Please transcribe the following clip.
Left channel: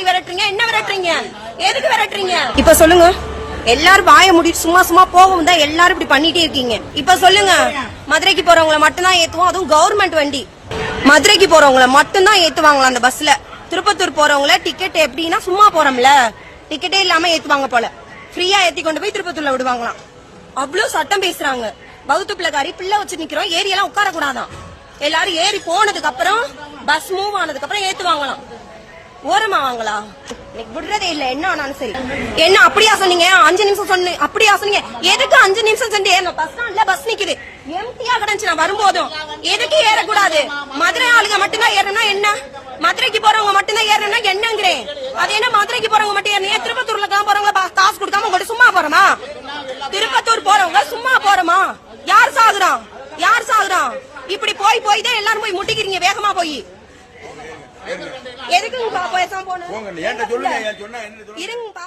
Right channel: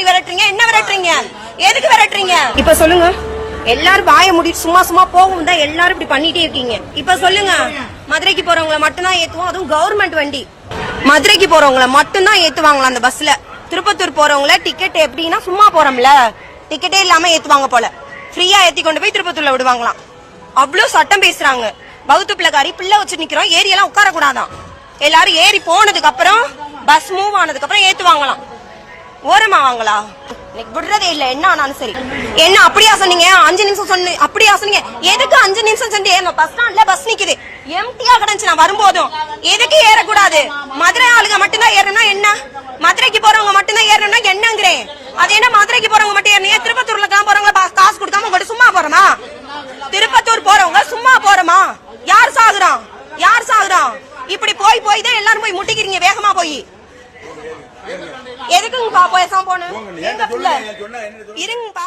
மாதிரி விரட்டுறீங்க? என்ன விரட்டுறீங்க? எதுக்கு விரட்டுறீங்க? இப்ப சொல்லுங்க. எல்லாரும் வாய முடி சும்மா சும்மா போகும் தான் எல்லாரும் இப்படி பண்ணிட்டே இருக்கீங்க. இப்ப சொல்லுங்க, மதுரைக்கு போறவங்கள மட்டும்தான் ஏத்துவோம், அதுவும் கவர்மெண்ட் வண்டி. மதுரைக்கு போறவங்கள மட்டும்தான் ஏத்துவாங்களா அந்த பஸ்ல? திருப்பத்தூர் போறவங்கள டிக்கெட் எப்படின்னா சும்மா போறோம்ல, டிக்கெட்டே இல்லாம ஏத்துவாங்க போல. ஃப்ரீயா ஏத்தி கொண்டு போய் திருப்பத்தூர்ல விடுவாங்களாம். அவ்வளவு சட்டம் பேசுறாங்க. வகுத்து பிள்ளைக்காரி பிள்ளை வச்சு நிக்கிறோம், ஏரியெல்லாம் உட்கார கூடாதான். எல்லாரும் ஏறி போனதுக்கு அப்புறம் பஸ் மூவ் ஆனதுக்கு அப்புறம் ஏத்துவாங்களாம். ஓரமா வாங்களா? விடுறதே இல்ல. என்ன ஆனாலும் சரி. என்ன அப்படியா சொன்னீங்க? 5 நிமிஷம் சொன்ன அப்படியா சொன்னீங்க? எதுக்கு 5 நிமிஷம் சென்று ஏறணும்? பஸ் ஸ்டாண்ட்ல பஸ் நிக்குது, எம்டியா கிடந்துச்சு. நான் வரும்போதும் எதுக்கு ஏறக்கூடாது? மதுரை ஆளுங்க மட்டும்தான் ஏறணும்னா என்ன? மதுரைக்கு போறவங்க மட்டும்தான் ஏறணும்னா என்னங்கிறேன். அது என்ன மதுரைக்கு போறவங்க மட்டும் ஏறணும்? திருப்பத்தூர்ல போறவங்க காசு கொடுக்காம உங்கள்ட்ட சும்மா போறோமா? திருப்பத்தூர் போறவங்க சும்மா போறோமா? யார் சாகுறான்? யார் சாகுறான்? இப்படி போய் போய் தான் எல்லாரும் போய் முட்டிக்கிறீங்க வேகமா போய். எதுக்குங்கப்பா பேசாம போன? இருங்கப்பா.